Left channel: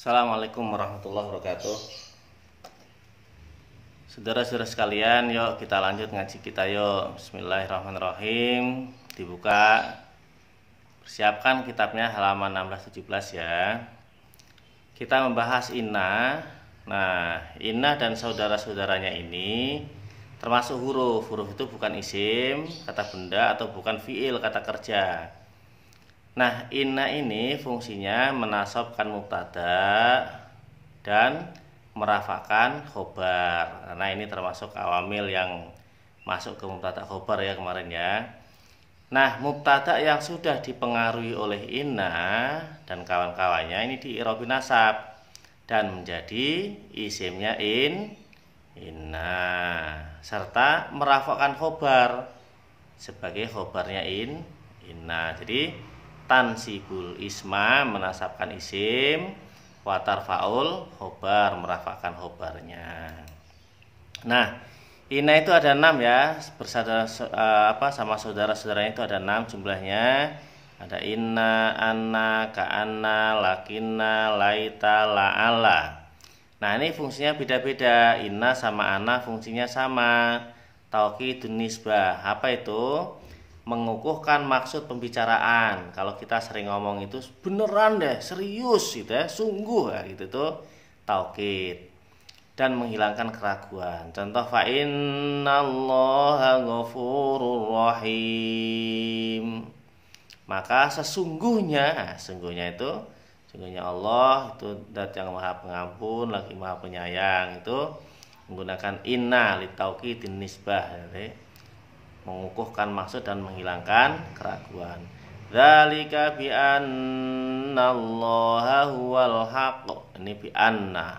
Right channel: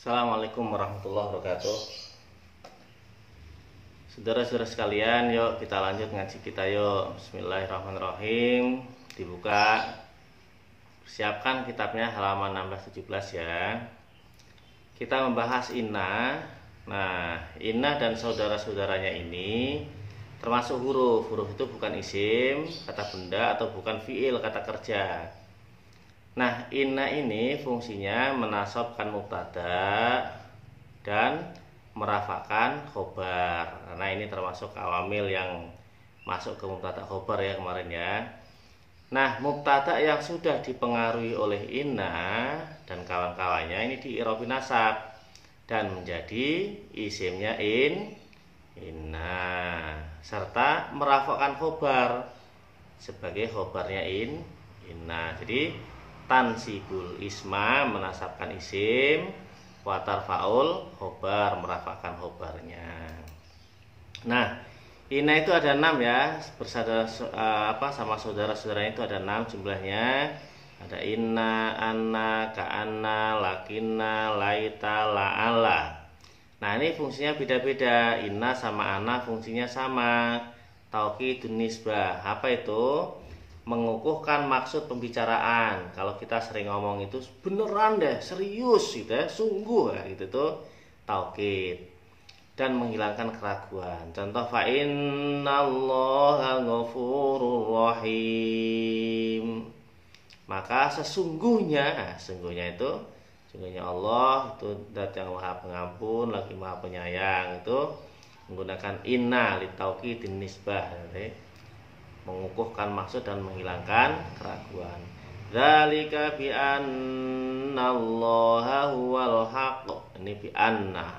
Assalamualaikum warahmatullahi wabarakatuh. Saudara-saudara sekalian, yuk kita lanjut ngaji kita yuk. Bismillahirrahmanirrahim. Dibuka. Persiapkan kitabnya halaman 16-17 ya. Kita membahas inna. Nah, inna dan saudara-saudaranya ini termasuk huruf. Huruf itu bukan isim, kata benda, atau bukan fiil, kata kerja. Nah, inna ini fungsinya menasabkan mubtada dan merafakan khobar. Nah, ini termasuk awamil yang masuk ke mubtada khobar ya kemarin ya. Nah, mubtada yang sudah dipengaruhi oleh inna dan kawan-kawannya ini di-i'rab nasab dan menjadi isimnya inna serta merafakan khobar sebagai khobarnya inna. Jadi tansibul isma menasabkan isim, watar faul khobar merafakan khobarnya. Nah, inna itu ada 6 ya, sama saudara-saudaranya itu ada 6 jumlahnya. Ada inna, anna, ka'anna, lakinna, laita, la'ala. Nah, ini fungsinya beda-beda. Inna sama anna fungsinya sama. Taukidun nisbah. Apa itu? Mengukuhkan maksud pembicaraan. Kalau kita sering ngomong itu beneran deh, serius gitu ya, sungguh ya, gitu tuh taukid. Dan menghilangkan keraguan. Contoh fa innallaha ghafurur rahim. Maka sesungguhnya Allah itu zat yang Maha Pengampun lagi Maha Penyayang. Itu menggunakan inna litaukidin nisbah ya. Mengukuhkan maksud dan menghilangkan keraguan. Dzalika bi annallaha huwal haqq. Ini bi anna.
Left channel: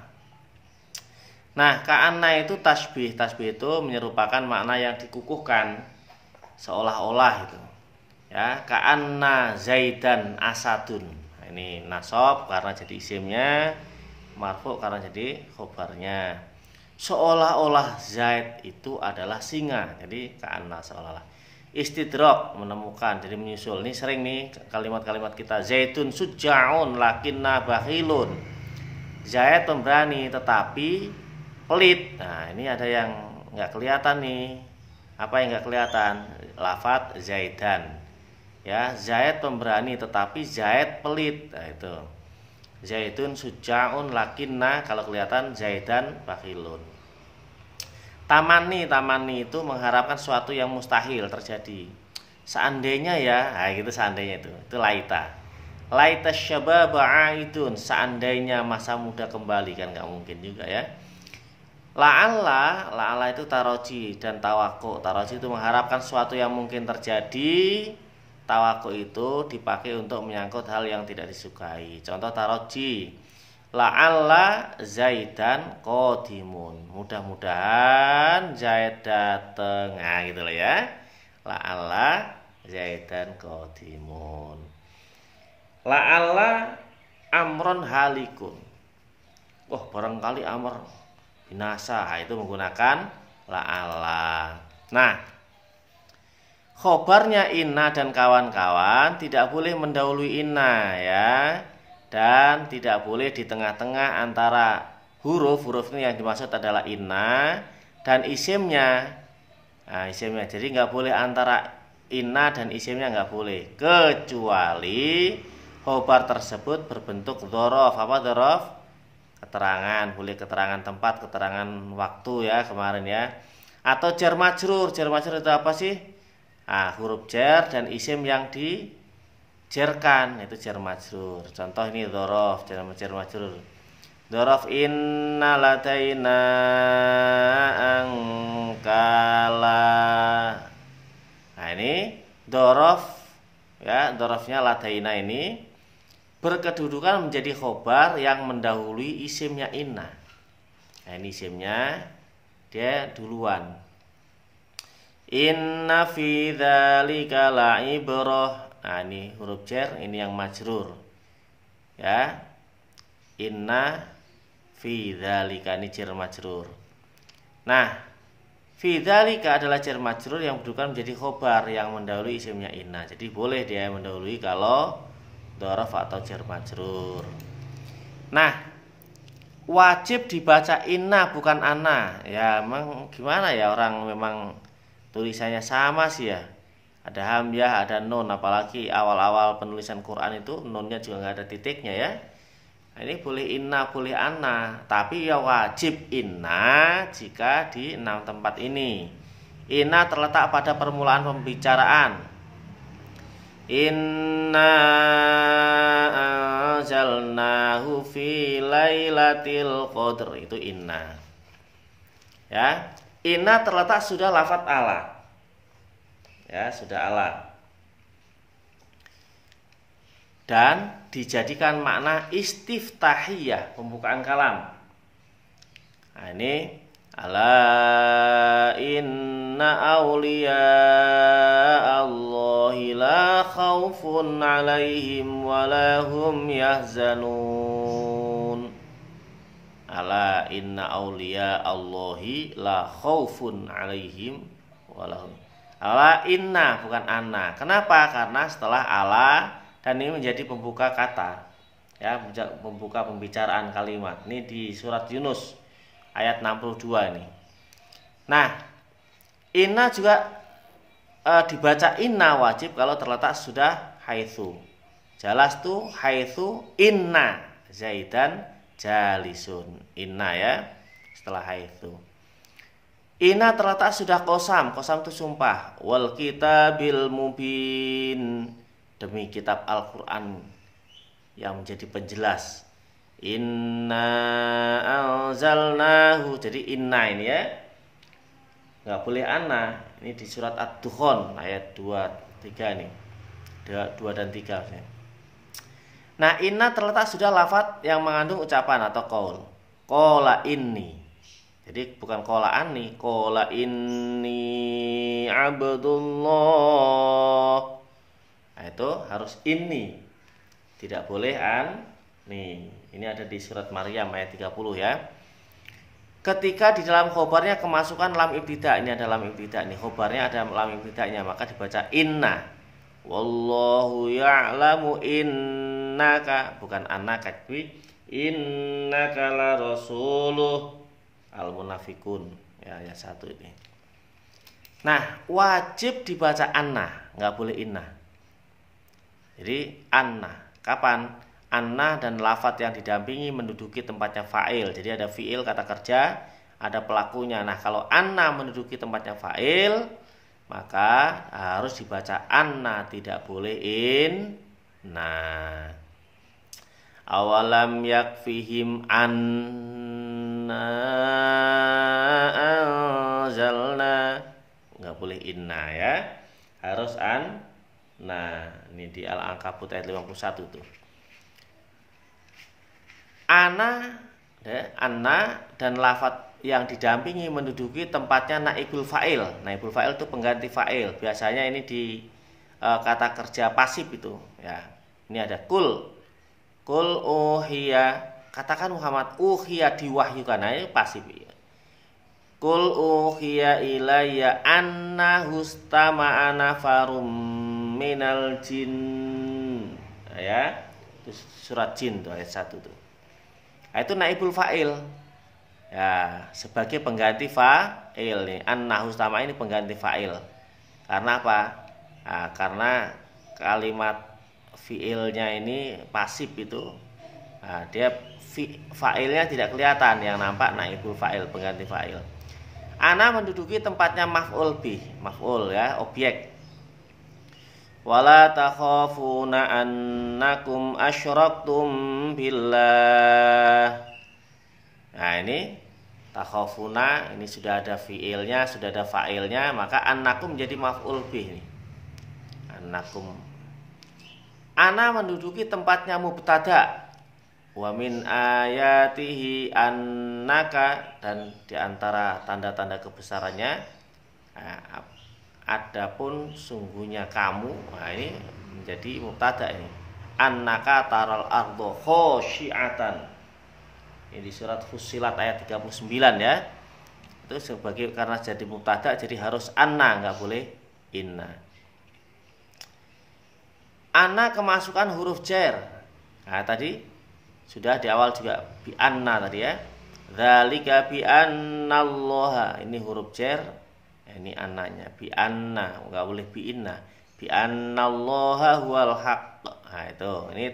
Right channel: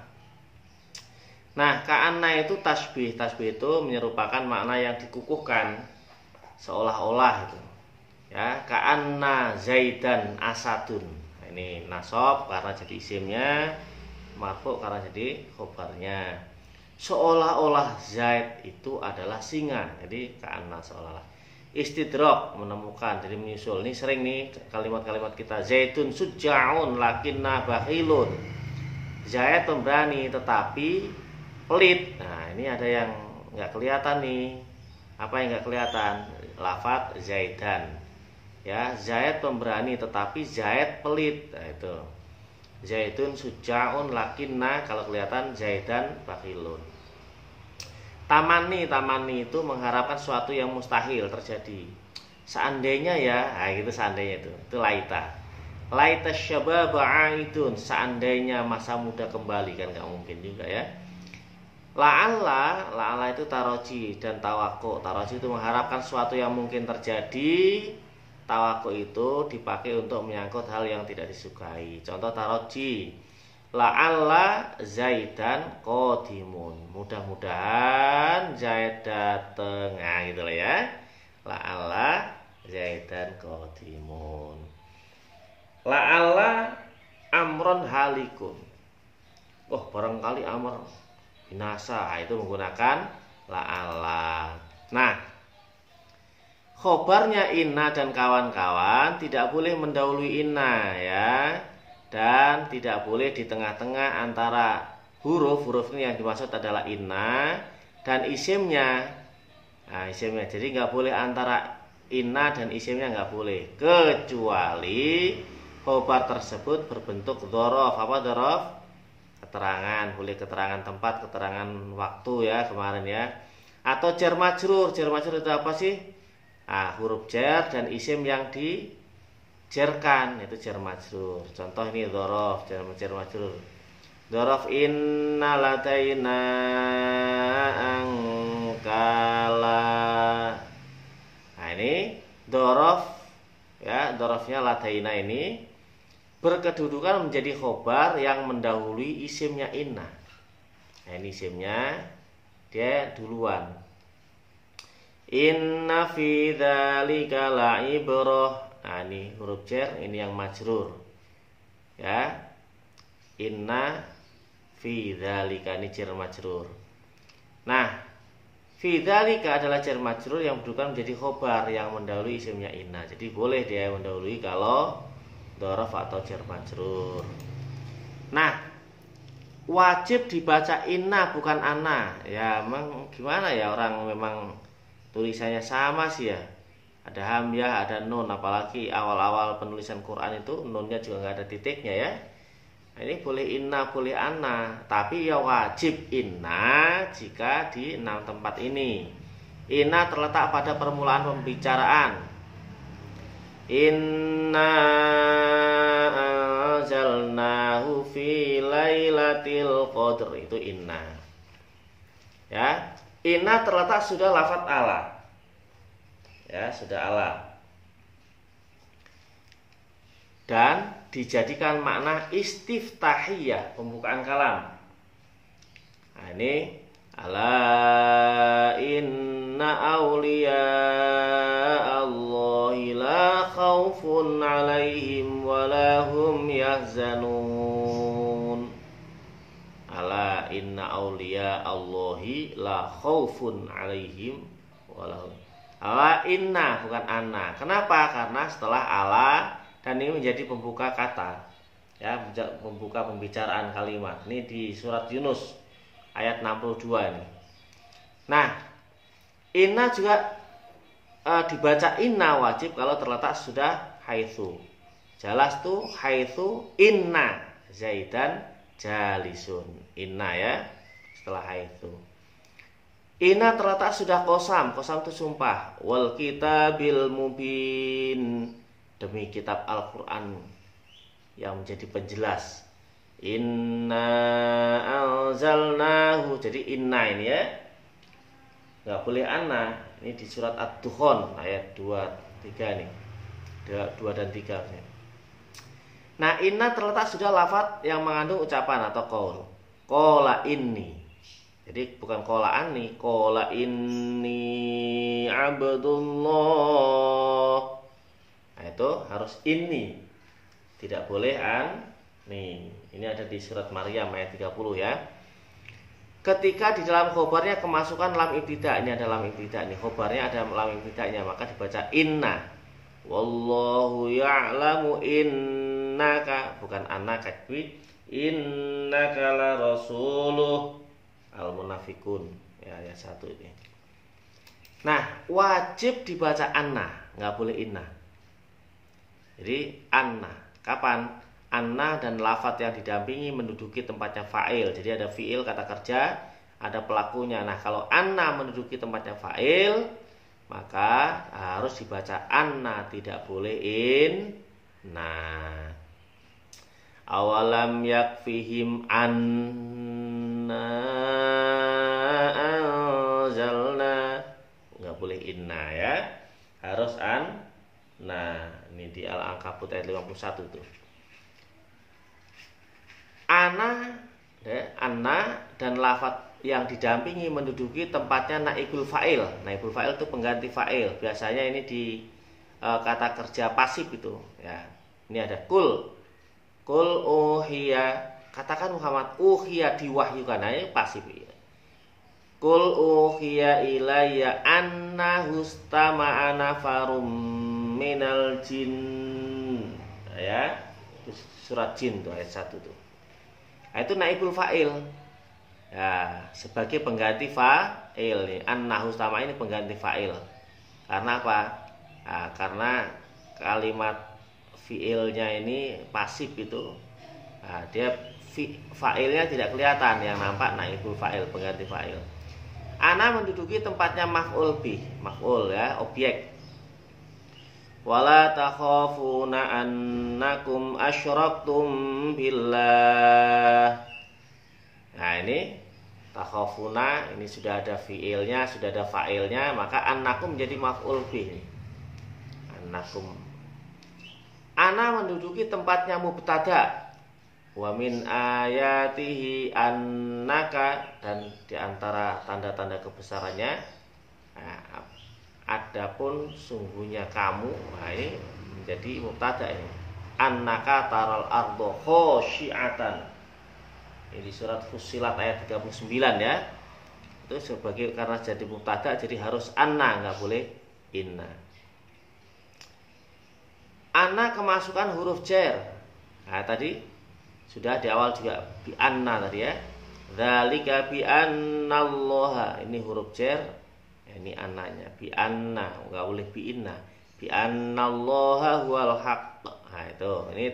Nah, ka'anna itu tasbih. Tasbih itu menyerupakan makna yang dikukuhkan seolah-olah itu. Ya, ka'anna zaidan asadun. Nah, ini nasab karena jadi isimnya, marfu karena jadi khobarnya. Seolah-olah Zaid itu adalah singa. Jadi ka'anna seolah-olah. Istidrak menemukan, jadi menyusul. Ini sering nih kalimat-kalimat kita. Zaidun suja'un lakinna bakhilun. Zaid pemberani tetapi pelit. Nah, ini ada yang nggak kelihatan nih. Apa yang nggak kelihatan? Lafadz Zaidan. Ya, Zaid pemberani tetapi Zaid pelit. Nah, itu. Zaidun suja'un lakinna, kalau kelihatan Zaidan bakhilun. Tamani itu mengharapkan sesuatu yang mustahil terjadi. Seandainya ya, nah gitu seandainya itu laita. Laita syabab aidun, seandainya masa muda kembali, kan nggak mungkin juga ya. La'alla itu taroji dan tawaku. Taroji itu mengharapkan sesuatu yang mungkin terjadi. Tawaku itu dipakai untuk menyangkut hal yang tidak disukai. Contoh taroji, la'alla Zaidan qadimun. Mudah-mudahan Zaid datang. Nah, gitu loh ya. La'alla Zaidan qadimun. La'alla amron halikun. Oh, barangkali amr binasa. Itu menggunakan la'alla. Nah, khobarnya inna dan kawan-kawan tidak boleh mendahului inna ya. Dan tidak boleh di tengah-tengah antara huruf ini yang dimaksud adalah inna dan isimnya. Nah, isimnya. Jadi nggak boleh antara inna dan isimnya, nggak boleh. Kecuali khobar tersebut berbentuk dzaraf. Apa dzaraf? Keterangan. Boleh keterangan tempat, keterangan waktu ya kemarin ya. Atau jar majrur. Jar majrur itu apa sih? Nah, huruf jar dan isim yang dijarkan itu jar majrur. Contoh ini dzaraf, jar majrur. Dzaraf inna ladaina angkala. Nah, ini dzaraf ya, dzarafnya ladaina ini berkedudukan menjadi khobar yang mendahului isimnya inna. Nah, ini isimnya dia duluan. Inna fi dzalika la'ibrah. Nah, ini huruf jar, ini yang majrur. Ya. Inna fi dzalika, ini jar majrur. Nah, fi dzalika adalah jar majrur yang berkedudukan menjadi khobar yang mendahului isimnya inna. Jadi boleh dia mendahului kalau dzaraf atau jar majrur. Nah, wajib dibaca inna bukan anna. Ya emang gimana ya, orang memang tulisannya sama sih ya. Ada hamzah, ada nun, apalagi awal-awal penulisan Quran itu nunnya juga nggak ada titiknya ya. Nah, ini boleh inna, boleh anna, tapi ya wajib inna jika di 6 tempat ini. Inna terletak pada permulaan pembicaraan. Inna anzalnahu fi lailatul qadr, itu inna. Ya, inna terletak sudah lafadz ala. Ya, sudah ala. Dan dijadikan makna istiftahiyah, pembukaan kalam. Nah, ini ala inna awliya Allahi la khawfun alaihim walahum yahzanun. Ala inna awliya Allahi la khawfun alaihim walahum. Ala inna bukan anna. Kenapa? Karena setelah ala, dan ini menjadi pembuka kata, ya, pembuka pembicaraan kalimat. Ini di surat Yunus ayat 62 ini. Nah, inna juga dibaca inna wajib kalau terletak sudah haitsu. Jalastu haitsu inna Zaidan jalisun. Inna ya, setelah haitsu. Inna terletak sudah kosam. Kosam itu sumpah. Wal kitabil mubin, demi kitab Al-Quran yang menjadi penjelas. Inna anzalnahu. Jadi inna ini ya, nggak boleh anna. Ini di surat Ad-Dukhan ayat 2-3 nih, 2 dan 3. Nah, inna terletak sudah lafadz yang mengandung ucapan atau qaul. Qala inni. Jadi bukan qala anni, qala inni abdullah. Nah, itu harus inni, tidak boleh an. Nih, ini ada di surat Maryam ayat 30 ya. Ketika di dalam khobarnya kemasukan lam ibtidah, ini ada lam ibtidah nih, khobarnya ada lam ibtidahnya, maka dibaca inna. Wallahu ya'lamu innaka, bukan annaka, innaka la rasuluh. Al-Munafikun ya, ayat 1 ini. Nah, wajib dibaca anna, nggak boleh inna. Jadi anna, kapan? Anna dan lafadz yang didampingi menduduki tempatnya fa'il. Jadi ada fi'il kata kerja, ada pelakunya. Nah, kalau anna menduduki tempatnya fa'il, maka harus dibaca anna, tidak boleh inna. Awalam yakfihim anna anzalna, nggak boleh inna ya, harus an. Nah, ini di Al-Ankabut ayat 51 tuh. Anna dan lafadz yang didampingi menduduki tempatnya naibul fa'il. Naibul fa'il itu pengganti fa'il. Biasanya ini di kata kerja pasif itu ya. Ini ada kul uhiya, katakan Muhammad, uhiya diwahyukan. Nah, ini pasif ya. Kul uhiya ilayya annahu istama'a nafarum minal jin. Ya, itu surat jin tuh ayat 1 tuh. Nah, itu naibul fa'il. Ya, sebagai pengganti fa'il nih. Annahu istama'a ini pengganti fa'il. Karena apa? Nah, karena kalimat fi'ilnya ini pasif itu. Nah, dia fa'ilnya tidak kelihatan, yang nampak naibul fa'il, pengganti fa'il. Ana menduduki tempatnya maf'ul bih, maf'ul ya, objek. Wala takhafuna annakum asyraktum billah. Nah, ini takhafuna, ini sudah ada fi'ilnya, sudah ada fa'ilnya, maka annakum menjadi maf'ul bih nih. Annakum. Ana menduduki tempatnya mubtada. Wa min ayatihi annaka, dan diantara tanda-tanda kebesarannya, adapun sungguhnya kamu. Nah, ini menjadi mubtada ini. Annaka taral ardo khosyi'atan. Ini di surat Fussilat ayat 39 ya. Itu sebagai, karena jadi mubtada jadi harus anna, nggak boleh inna. Anna kemasukan huruf jar. Nah, tadi Sudah di awal juga bi anna tadi ya. Dzalika bi annallaha, ini huruf jar. Ini ananya bi anna, enggak boleh bi inna. Bi annallaha huwal haqq. Nah, itu. Ini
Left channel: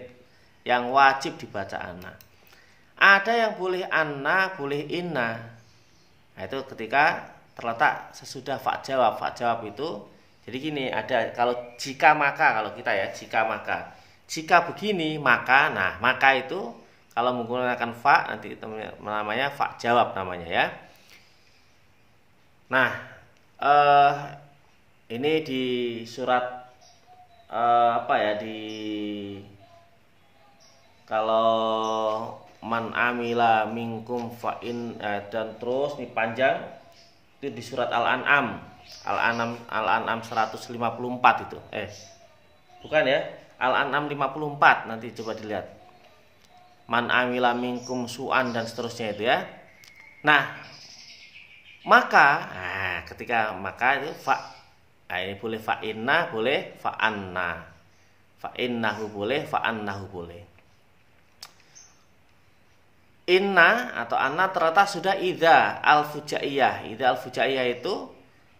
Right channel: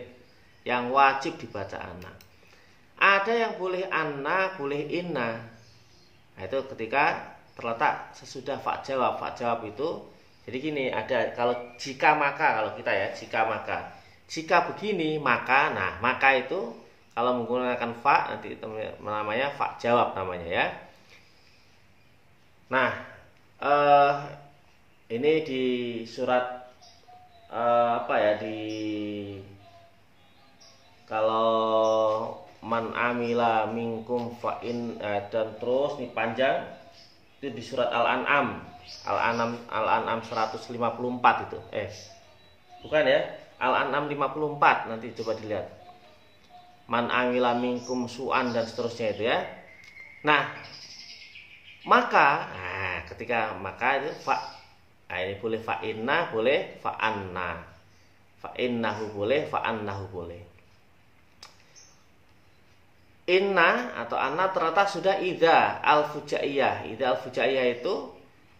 yang wajib dibaca anna. Ada yang boleh anna, boleh inna. Nah, itu ketika terletak sesudah fa jawab. Fa jawab itu jadi gini, ada kalau jika maka, kalau kita ya jika maka. Jika begini maka, nah maka itu kalau menggunakan fa nanti itu namanya fa jawab namanya ya. Nah, ini di surat apa ya, di kalau man amila minkum fa'in dan terus dipanjang itu di surat Al-An'am 154 itu. Bukan ya, Al-An'am 54, nanti coba dilihat. Man amila minkum su'an dan seterusnya itu ya. Nah, maka ketika maka itu fa, ini boleh fa inna, boleh fa anna. Fa innahu boleh, fa annahu boleh. Inna atau anna terletak sudah idza al-fujaiyah. Idza al-fujaiyah itu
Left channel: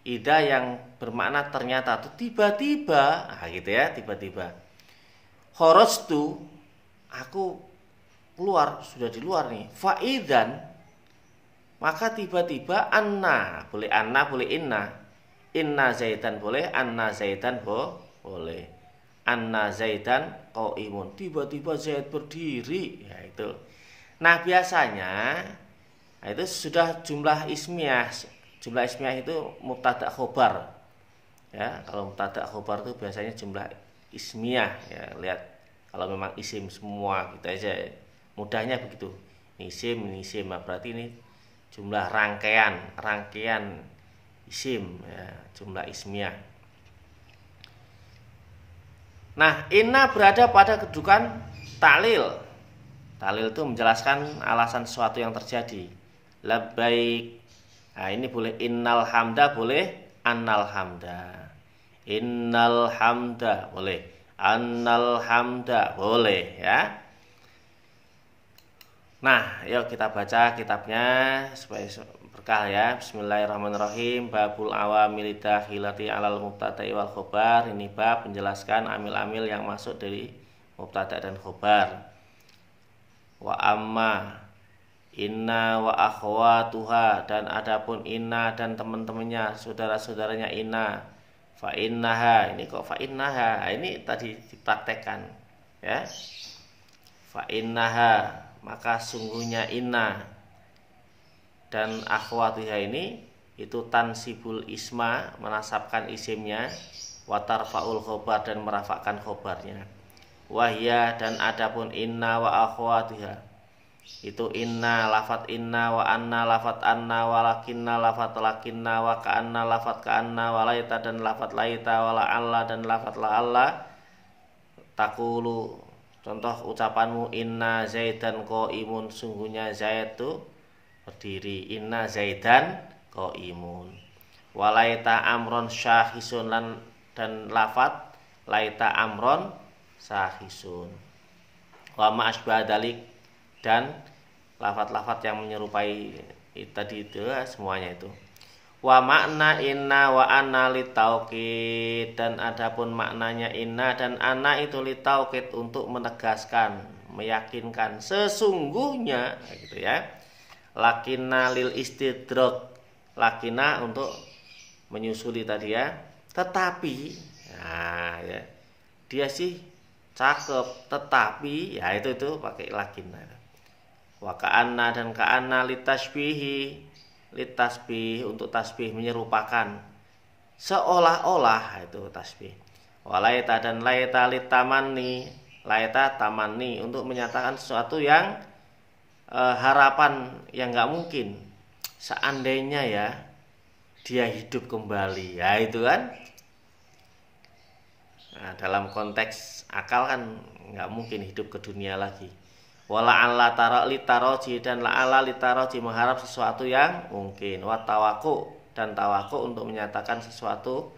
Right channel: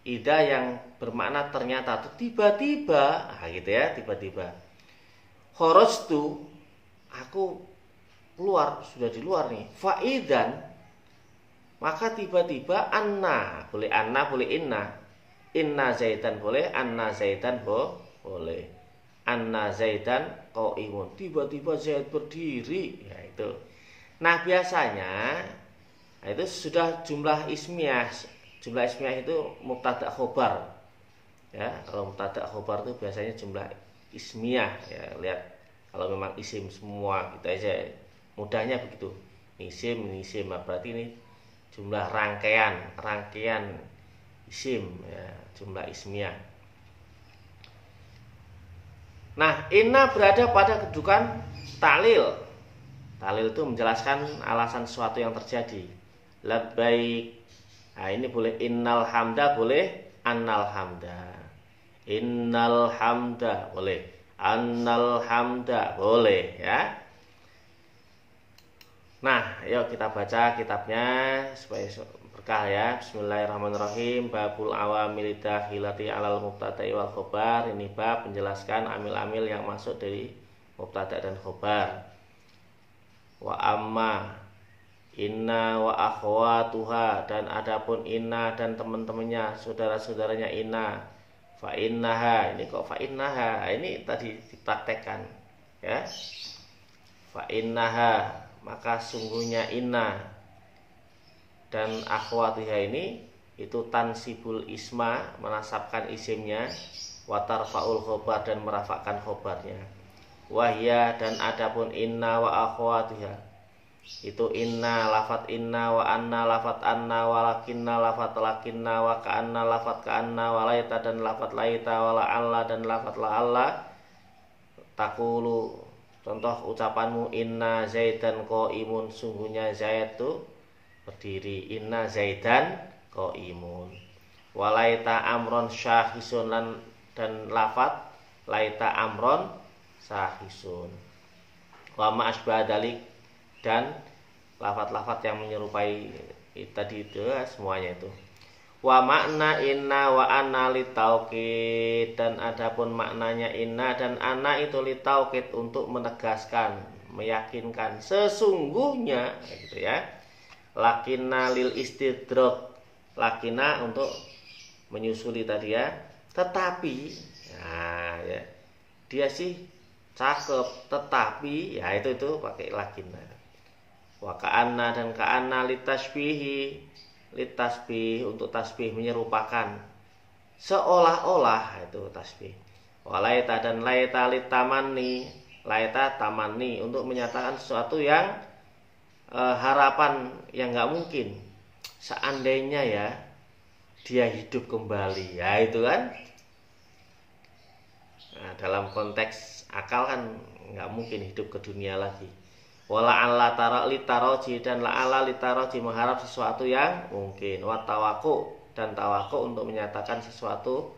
idza yang bermakna ternyata atau tiba-tiba, gitu ya, tiba-tiba. Kharastu, aku keluar, sudah di luar nih. Faidan, maka tiba-tiba anna, boleh anna, boleh inna. Inna zaidan boleh, anna zaidan boleh. Anna zaidan qaimun, tiba-tiba Zaid berdiri, ya itu. Nah, biasanya itu sudah jumlah ismiyah. Jumlah ismiyah itu mubtada khobar. Ya, kalau mubtada khobar itu biasanya jumlah ismiyah ya. Lihat kalau memang isim semua kita aja mudahnya begitu. Isim, nah berarti ini jumlah rangkaian isim ya, jumlah ismiyah. Nah, inna berada pada kedudukan ta'lil. Ta'lil itu menjelaskan alasan sesuatu yang terjadi. Labbaik. Nah, ini boleh innal hamda, boleh annal hamda. Innal hamda boleh, annal hamda boleh ya. Nah, yuk kita baca kitabnya supaya berkah ya. Bismillahirrahmanirrahim. Babul awamil dakhilati alal mubtada'i wal khobar. Ini bab menjelaskan amil-amil yang masuk dari mubtada dan khobar. Wa amma inna wa akhwatuha, dan adapun inna dan teman-temannya, saudara-saudaranya inna. Fa innaha, ini kok fa innaha, ini tadi dipraktekkan ya. Fa innaha, maka sungguhnya inna dan akhwatuha ini itu tansibul isma, menasabkan isimnya, wa tarfaul khobar, dan merafakkan khobarnya. Wahya, dan adapun inna wa akhwatuha itu inna lafat inna, wa anna lafat anna, wa lakinna lafat lakinna, wa ka'anna lafat ka'anna, wa laita dan lafat laita, wa la'alla dan lafat la'alla. Takulu, contoh ucapanmu, inna zaidan qaimun, sungguhnya Zaid itu berdiri. Inna zaidan qaimun. Wa laita amron syahisun, dan lafat laita amron sahisun. Wa ma'asbah dalik, dan lafat-lafat yang menyerupai tadi itu semuanya itu. Wa makna inna wa anna litaukid, dan adapun maknanya inna dan anna itu litaukid, untuk menegaskan, meyakinkan, sesungguhnya gitu ya. Lakinna lil istidrak, lakinna untuk menyusuli tadi ya. Tetapi nah ya, dia sih cakep, tetapi ya itu pakai lakinna. Wa ka'anna, dan ka'anna litasbihi, litasbih untuk tasbih, menyerupakan, seolah-olah, itu tasbih. Wa laita, dan laita litamanni, laita tamanni, untuk menyatakan sesuatu yang harapan yang nggak mungkin. Seandainya ya dia hidup kembali, ya itu kan. Nah, dalam konteks akal kan nggak mungkin hidup ke dunia lagi. Wala alla tara litaroji, dan la ala litaroji, mengharap sesuatu yang mungkin. Wa tawaku, dan tawaku untuk menyatakan sesuatu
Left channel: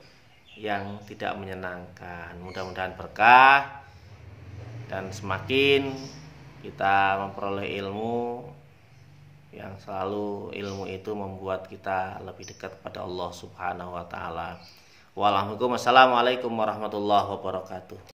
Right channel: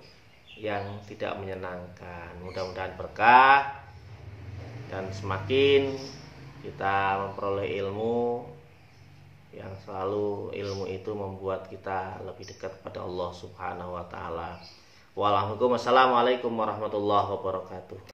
yang tidak menyenangkan. Mudah-mudahan berkah dan semakin kita memperoleh ilmu yang selalu ilmu itu membuat kita lebih dekat pada Allah Subhanahu wa taala. Wassalamualaikum warahmatullahi wabarakatuh.